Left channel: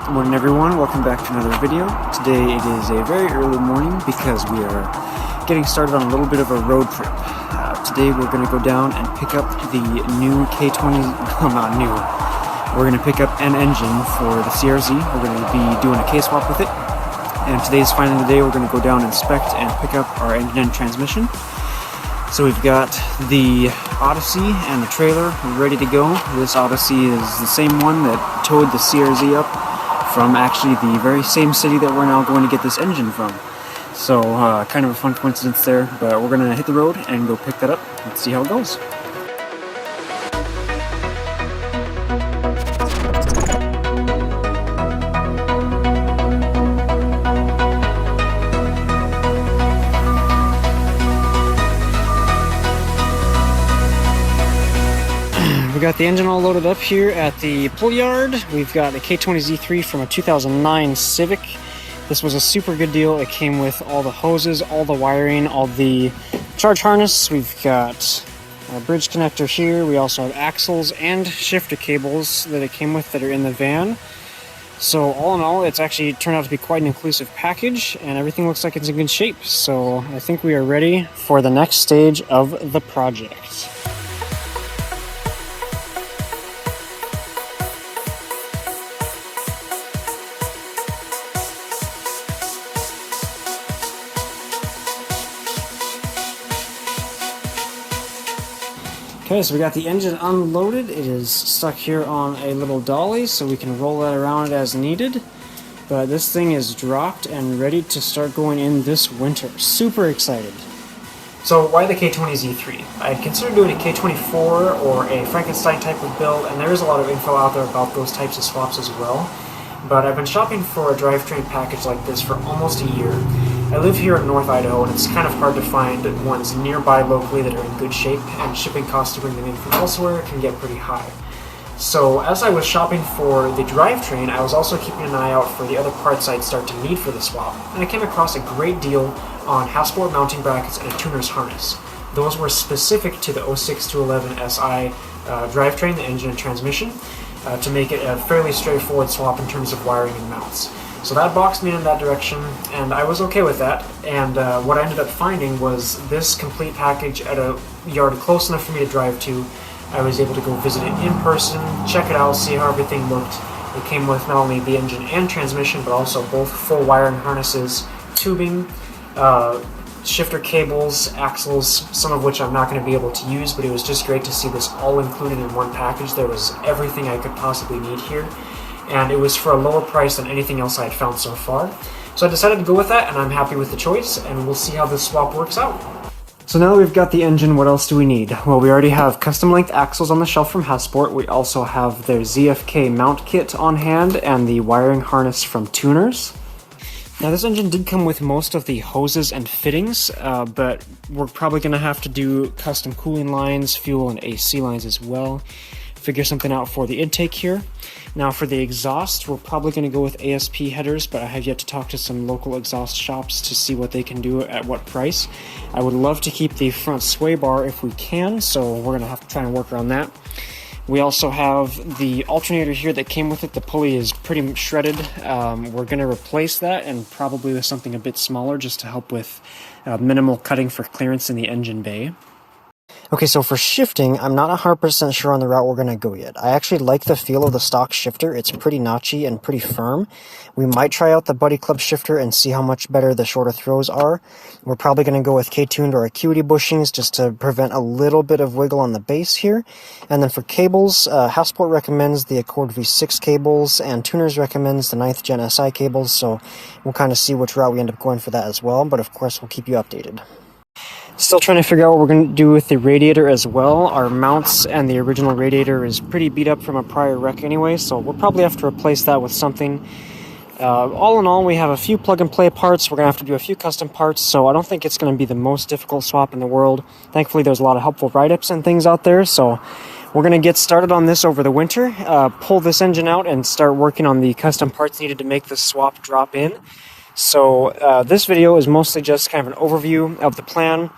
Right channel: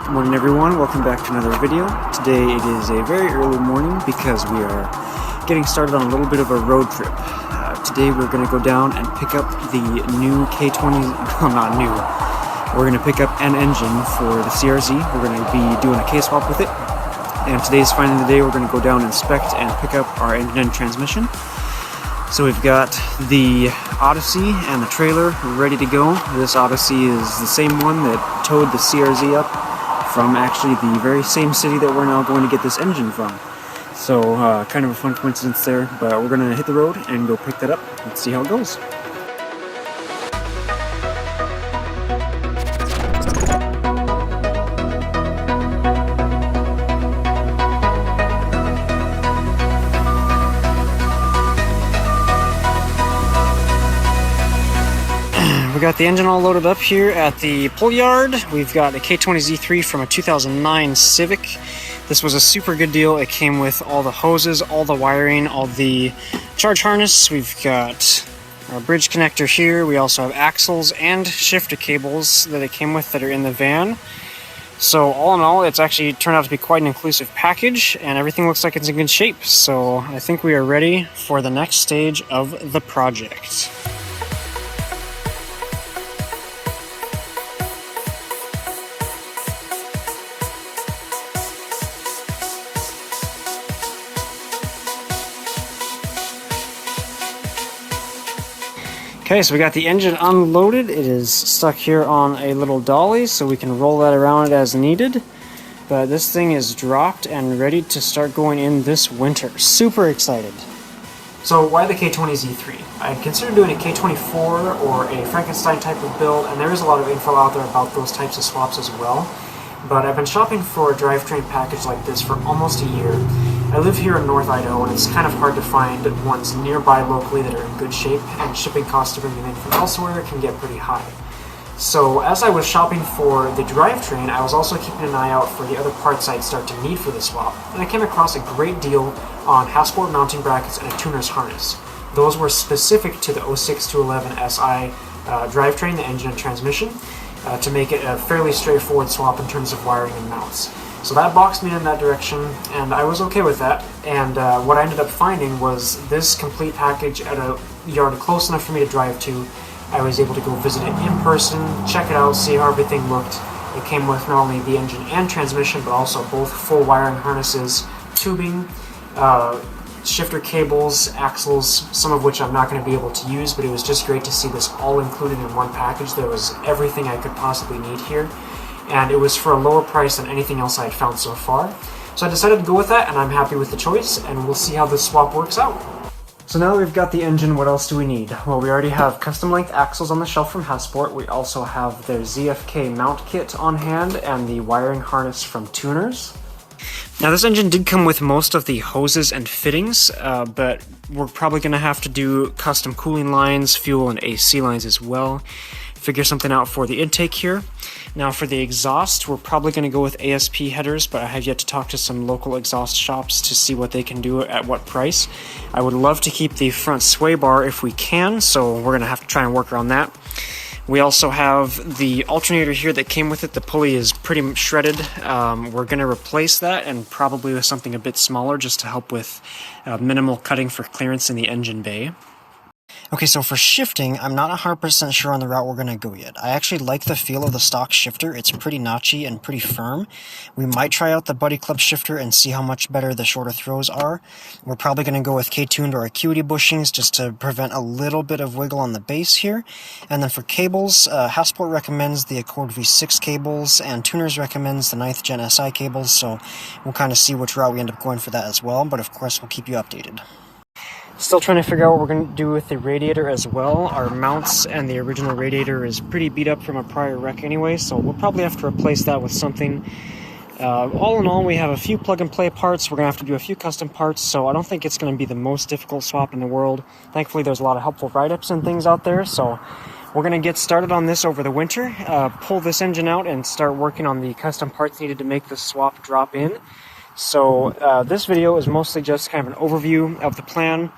Good morning everyone, welcome back to another video. Today it is a very early morning because we are getting started on a little bit of a road trip. Today we're going to go down and pick up the new K20, well not new, we're going to pick up an engine for the CRZ. We're going to be doing a KSwap with it. And today's finally the day we're going to go down, inspect, and pick up our engine and transmission. So we've got the Odyssey and the trailer ready to go. This Odyssey is the same one that towed the CRZ up from actually the very same city that we're now going to get this engine from. So kind of a fun coincidence there, but we're going to hit the road and go pick that up. Let's see how it goes. We got the engine all loaded up here at the pull yard. We've got a K20Z3 from a 2009 Civic. This was a super good deal. It came with all the hoses, all the wiring, all the charge harness. We've got a bridge connector here. We also have axles and shifter cables that it came with that are in the van. So all in all, it's actually turned out to be quite an inclusive package, and everything looks like it's in good shape. So I think we are ready for the next stage of the project. Okay, so we got the engine unloaded. It is stuck here on a little dolly, so we can roll that around as needed. But this thing is dropped and ready to start going in this winter. Super excited. So why the K20Z3? I considered doing a K24 or a Frankenstein type of build, and there is a lot of info out there about those types of swaps as well. But I've been shopping for a drivetrain package like this for almost a year. I live here in North Idaho, and it's kind of hard to find ones nearby locally that are in good shape, and shipping costs to bring them in from elsewhere can get pretty high. So as I was shopping for the drivetrain, I was also keeping an eye out for the other parts I'd start to need for the swap, and I came across a great deal on half-sport mounting brackets and a tuner's harness. Those were specific to the 06 to 11 SI drivetrain, the engine and transmission, to make it a fairly straightforward swap in terms of wiring and mounts. So that boxed me in that direction, and I was okay with that. And what I ended up finding was this complete package at a yard close enough for me to drive to. I was able to go visit it in person, check it out, see how everything looked. It came with not only the engine and transmission, but also both full wiring harnesses, tubing, shifter cables, axles, some of which I'm not going to be able to use, but it was just great to see this all included in one package. There was everything I could possibly need here, and it was for a lower price than anything else I had found so far. So I decided to go with that, and I'm happy with the choice, and we'll see how this swap works out. So now that we've got the engine, what else do we need? Well, we already have custom length axles on the shelf from Halfsport. We also have their ZFK mount kit on hand and the wiring harness from Tuners. Now this engine did come with most of the hoses and fittings, but we're probably going to have to do custom cooling lines, fuel, and AC lines as well. Figure something out for the intake here. Now for the exhaust, we're probably going to go with ASP headers, but I have yet to talk to some local exhaust shops to see what they can do at what price. I would love to keep the front sway bar if we can, so we're going to have to try and work around that. We also have the alternator here that came with it. The pulley is pretty shredded. We're going to replace that, and probably with something a bit smaller just to help with minimal cutting for clearance in the engine bay. Okay, so for shifting, I'm not 100% sure on the route we're going to go yet. I actually like the feel of the stock shifter. It's pretty notchy and pretty firm. We might try out the Buddy Club shifter and see how much better the shorter throws are. We're probably going to go with K-tuned or Acuity bushings just to prevent a little bit of wiggle on the base here. And then for cables, Halfsport recommends the Accord V6 cables, and Tuners recommends the 9th Gen SI cables, so we'll kind of see which route we end up going for that as well, but of course we'll keep you updated. Still trying to figure out what we're going to do with the radiator as well. Our mounts and the original radiator is pretty beat up from a prior wreck anyway, so we'll probably have to replace that with something. All in all, we have a few plug-and-play parts. We're going to have to do a few custom parts, so I don't think it's going to be the most difficult swap in the world. Thankfully, there's a lot of helpful write-ups and things out there, so we're going to get started on this over the winter, pull this engine out, and start working on the custom parts needed to make this swap drop in. So this video is mostly just kind of an overview of the plan,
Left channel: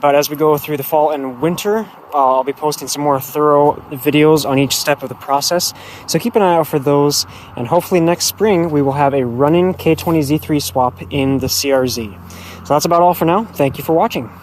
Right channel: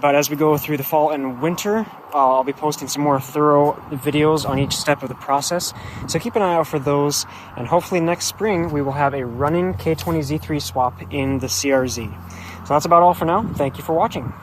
but as we go through the fall and winter, I'll be posting some more thorough videos on each step of the process. So keep an eye out for those, and hopefully next spring we will have a running K20Z3 swap in the CRZ. So that's about all for now. Thank you for watching.